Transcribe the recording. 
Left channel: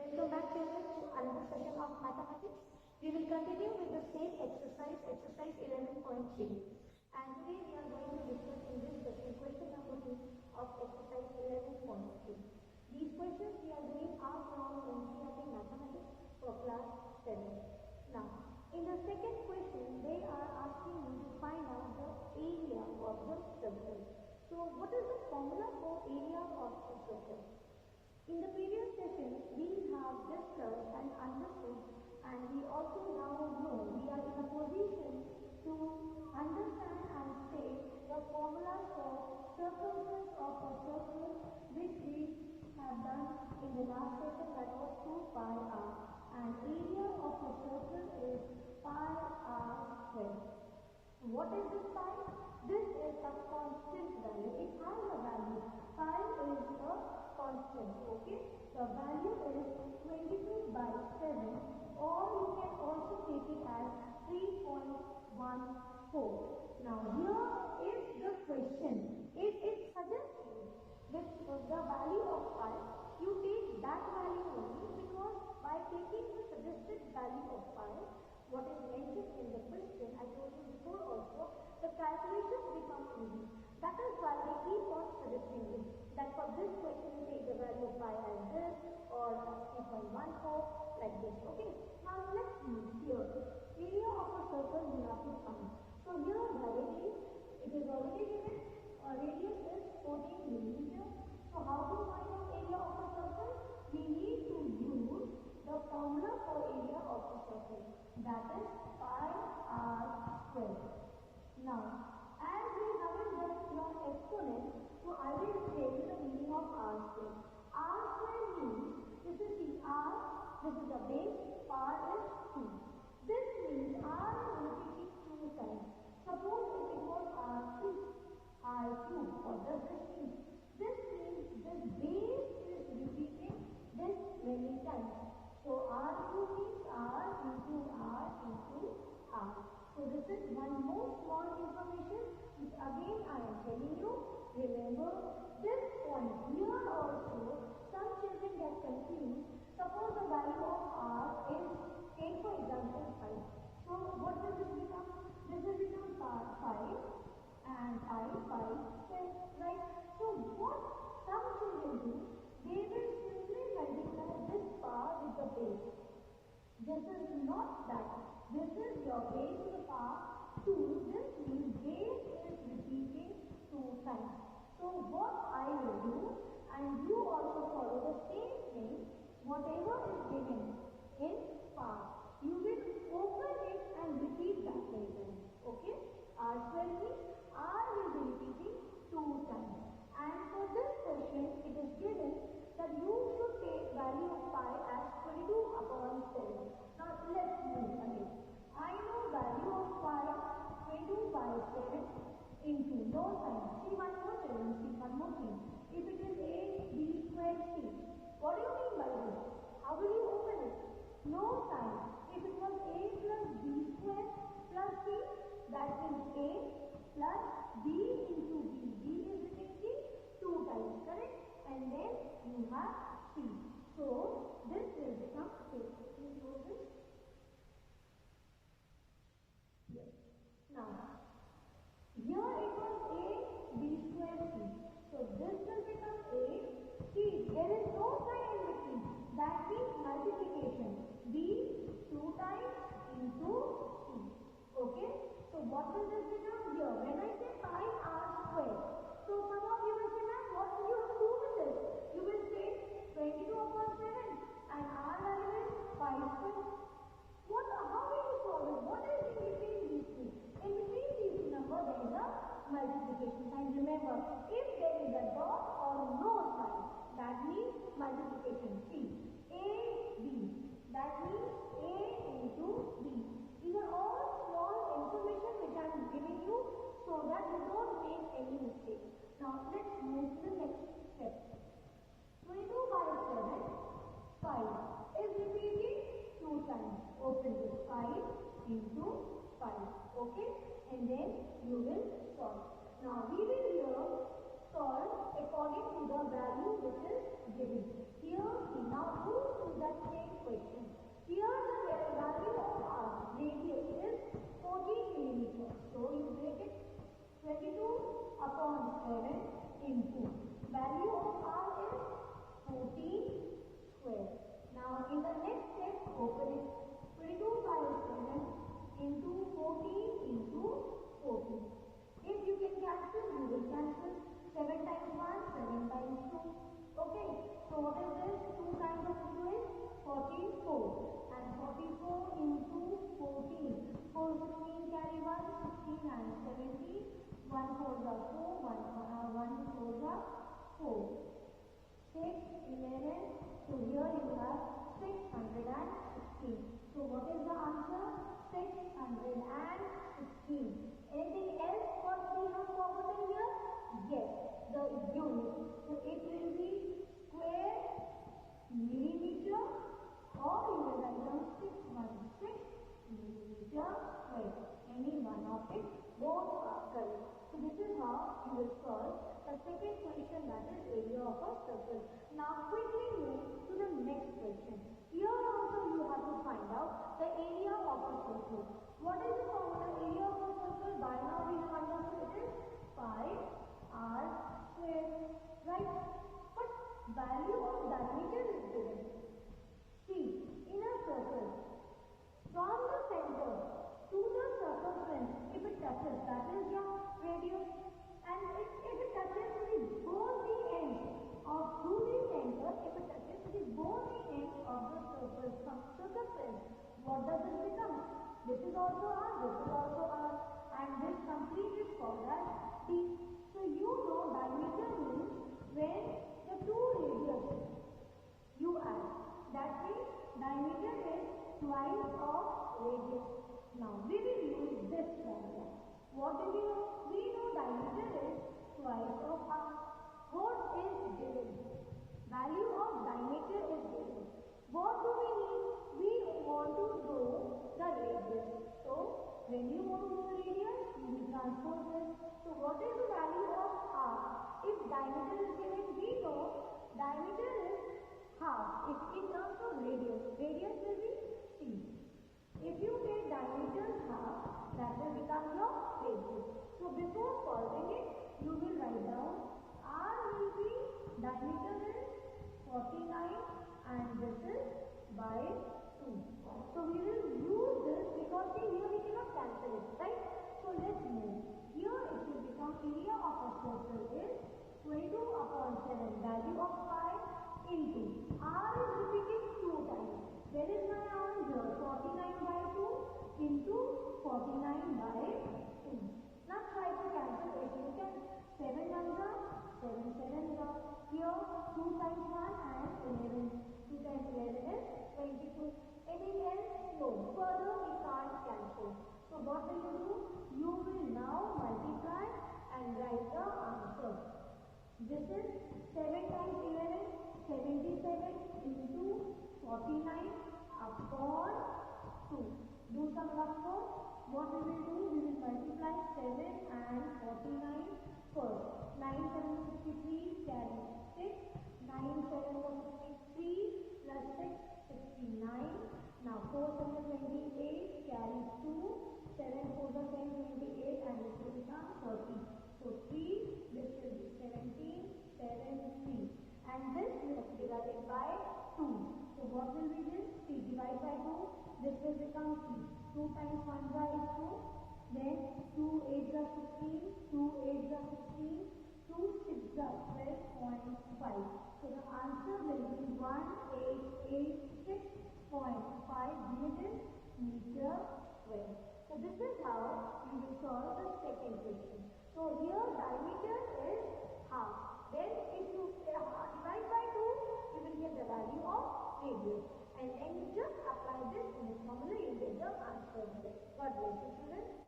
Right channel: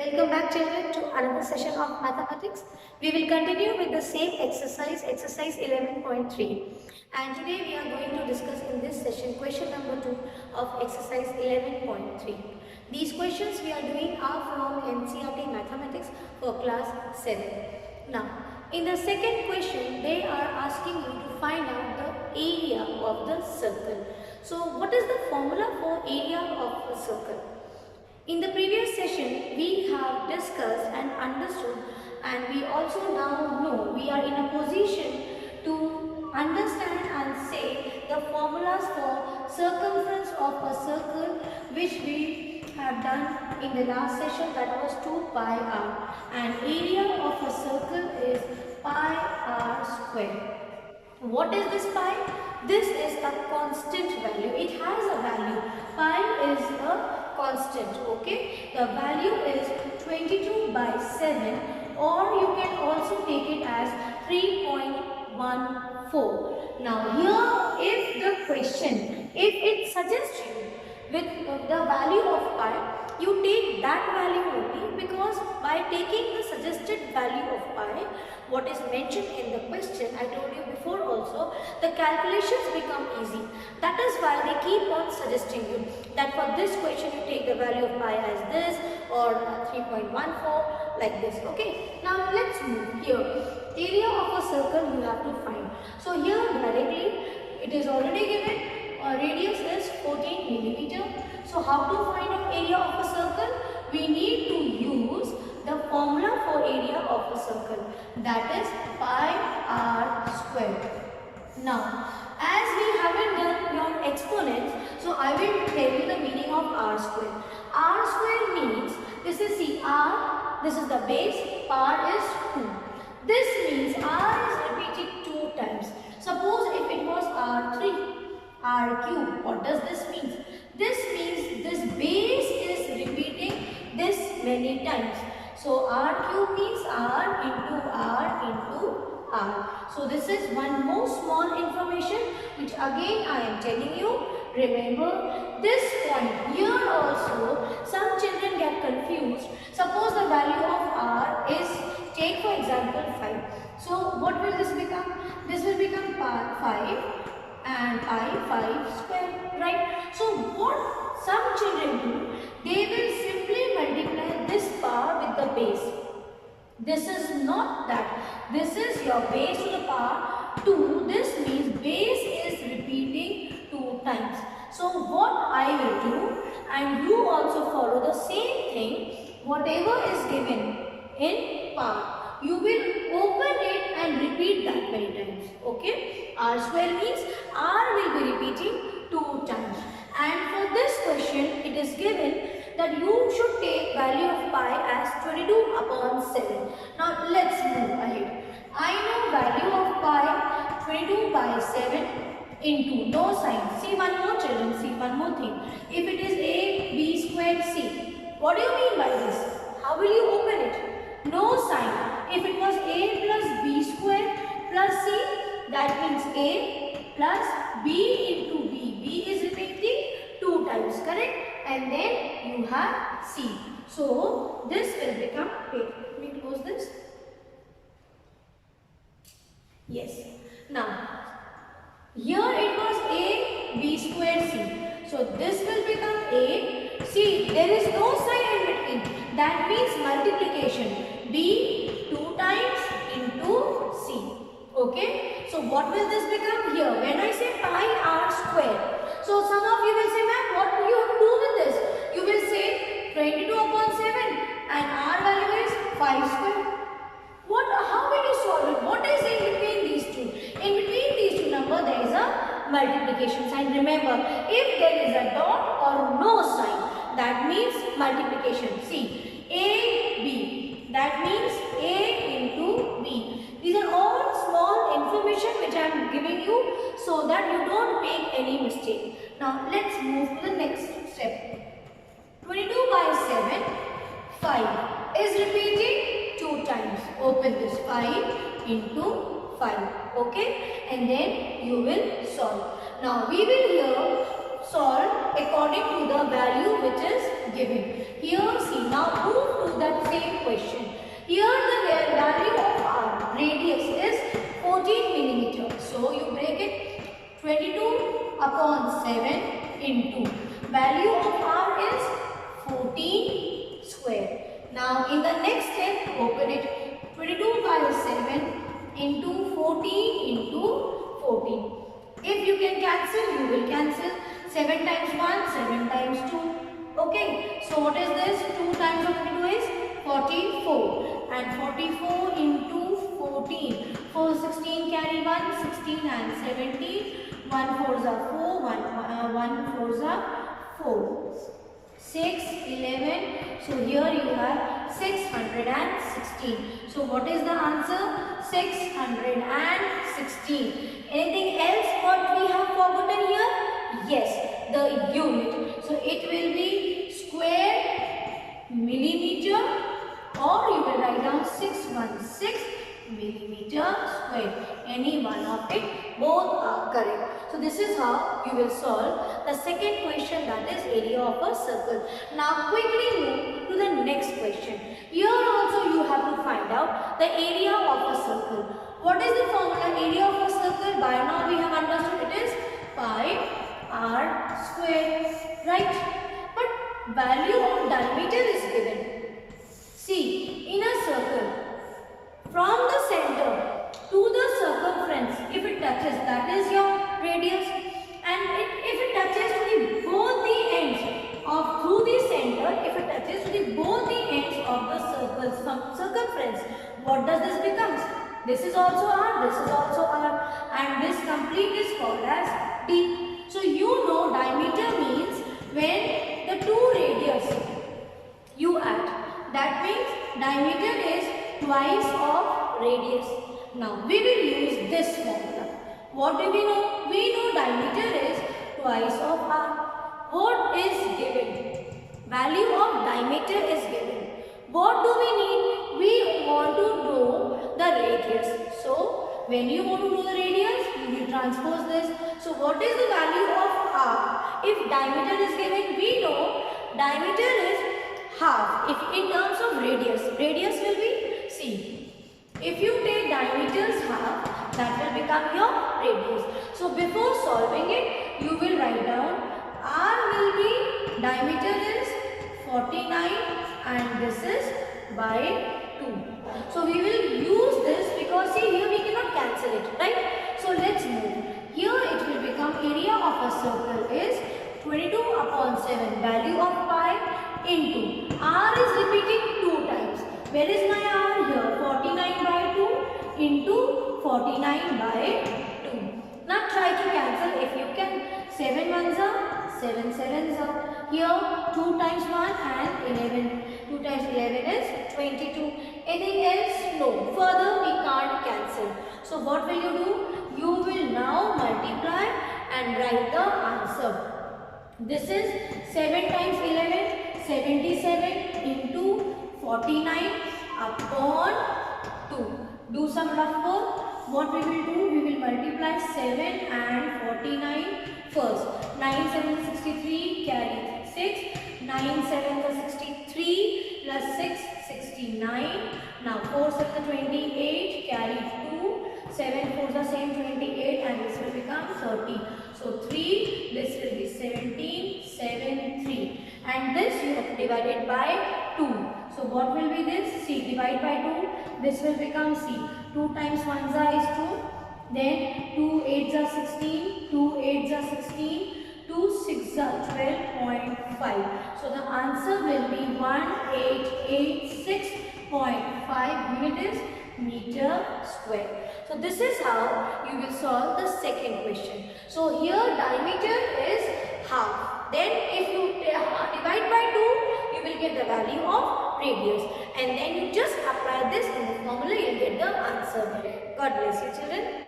Welcome back children to another session of mathematics. We will continue with the same exercise 11.3. And today we are going to discuss in this session question number 2 of exercise 11.3. These questions we are doing are from NCERT Mathematics for class 7. Now, in the second question, they are asking you to find out the area of the circle. So, what is the formula for area of a circle? In the previous session, we have discussed and understood, and we also now know we are in a position to understand and say the formulas for circumference of a circle, which we have done in the last session, that was 2 pi r, and area of a circle is pi r square. What is this pi? This is a constant value. It has a value. Pi is a constant. Okay. The value is 22 by 7, or you can also take it as 3.14. Now here, if the question, if it suggests you with the value of pi, you take that value only, because by taking the suggested value of pi, what is mentioned in the question, I told you before also, the calculations become easy. That is why they keep on suggesting you that for this question you take the value of pi as this, or 3.14 like this. Okay, now let's move here. Area of a circle you have to find. So here directly it is already given. Radius is 14 millimeter. So how to find out area of a circle? We need to use the formula for area of a circle, that is pi r square. Now, as we haven't done your exponents, so I will tell you the meaning of r square. R square means, this is see r, this is the base, r is 2. This means r is repeated 2 times. Suppose if it was r3, r cube, what does this mean? This means this base is repeating this many times. So r cube means r into r into r. So this is one more small information which again I am telling you. Remember this point here also, some children get confused. Suppose the value of r is, take for example 5. So what will this become? This will become 5 and pi 5 square, right? So what some children do, they will simply multiply this power with the base. This is not that. This is your base to the power 2. This means base is repeating 2 times. So what I will do, and you also follow the same thing, whatever is given in power, you will open it and repeat that many times. Okay? R square means R will be repeating 2 times. And for this question, it is given that you should take value of pi as 22 upon 7. Now let's move ahead. I know value of pi 22 by 7 into no sign. See one more children, see one more thing. If it is a b squared c, what do you mean by this? How will you open it? No sign. If it was a plus b squared plus c, that means a plus b into b. b is repeating 2 times, correct? And then you have c. So this will become, wait, let me close this. Yes. Now, here it was a b squared c. So this will become a. See, there is no sign in between. That means multiplication. b 2 times into c. Okay. So what will this become here? When I say pi r square. So some of you will say, ma'am, what do you have to do with this? You will say 22 upon 7 and r value is 5 square. How will you solve it? What is in between these two? In between these two numbers, there is a multiplication sign. Remember, if there is a dot or no sign, that means multiplication. See, a, b. That means a into b. These are all small information which I am giving you so that you don't make any mistake. Now, let's move to the next step. 22 by 7, 5 is repeating 2 times. Open this 5 into 5. Okay? And then you will solve. Now, we will here solve according to the value which is given. Here, see, now move to that question. Here the value of our radius is 14 millimeter. So you break it 22 upon 7 into value of r is 14 square. Now in the next step, open it. 22 by 7 into 14 into 14. If you can cancel, you will cancel. 7 times 1, 7 times 2. Okay, so what is this? 2 times of 22 is 44. And 44 into 14. 4, 16 carry 1, 16 and 17. 1 4s are 4, 1 4s are 4. 6, 11. So here you have 616. So what is the answer? 616. Anything else what we have forgotten here? Yes, the unit. So it will be square millimeter, or you will write down 616 millimeter square. Any one of it, both are correct. So this is how you will solve the second question, that is area of a circle. Now quickly move to the next question. Here also you have to find out the area of a circle. What is the formula area of a circle? By now we have understood it is pi r square, right? But value of diameter is given. See, in a circle, from the center to the circumference, if it touches, that is your radius, and if it touches to both the ends of through the center, if it touches to both the ends of the circumference, what does this become? This is also r, this is also r, and this complete is called as d. So you know diameter means when the two radius you add, that means diameter is twice of radius. Now we will use this formula. What do we know? We know diameter is twice of r. What is given? Value of diameter is given. What do we need? We want to know the radius. So when you want to know the radius, you will transpose this. So what is the value of r? If diameter is given, we know diameter is half. If in terms of radius, radius will be c. If you take diameter's half, that will become your radius. So before solving it, you will write down r will be, diameter is 49 and this is by 2. So we will use this because see here we cannot cancel it, right? So let's move. Here it will become area of a circle is 22 upon 7, value of pi into r is repeating 2 times. Where is my r? Here 49 by 2 into 49 by 2. Now try to cancel if you can. 7 ones are 7 sevens are. Here 2 times 1 and 11. 2 times 11 is 22. Anything else? No. Further we can't cancel. So what will you do? You will now multiply and write the answer. This is 7 times 11, 77 into 49 upon 2. Do some rough work. What we will do? We will multiply 7 and 49 first. 9 7 is 63, carry 6. 9 7 is 63 plus 6, 69. Now 4 7 is 28, carry 2. 7 4 is the same 28 and this will become 30. So 3, this will be 17, 7, 3. And this you have divided by 2. So what will be this? C. Divide by 2. This will become C. 2 times 1 is 2. Then 2 8s are 16. 2 8s are 16. 2 6s are 12.5. So the answer will be 1886.5 unit is meter square. So this is how you will solve the second question. So here diameter is half. Then if you divide by 2, you will get the value of radius. And then you just apply this in the formula, you will get the answer. God bless you children.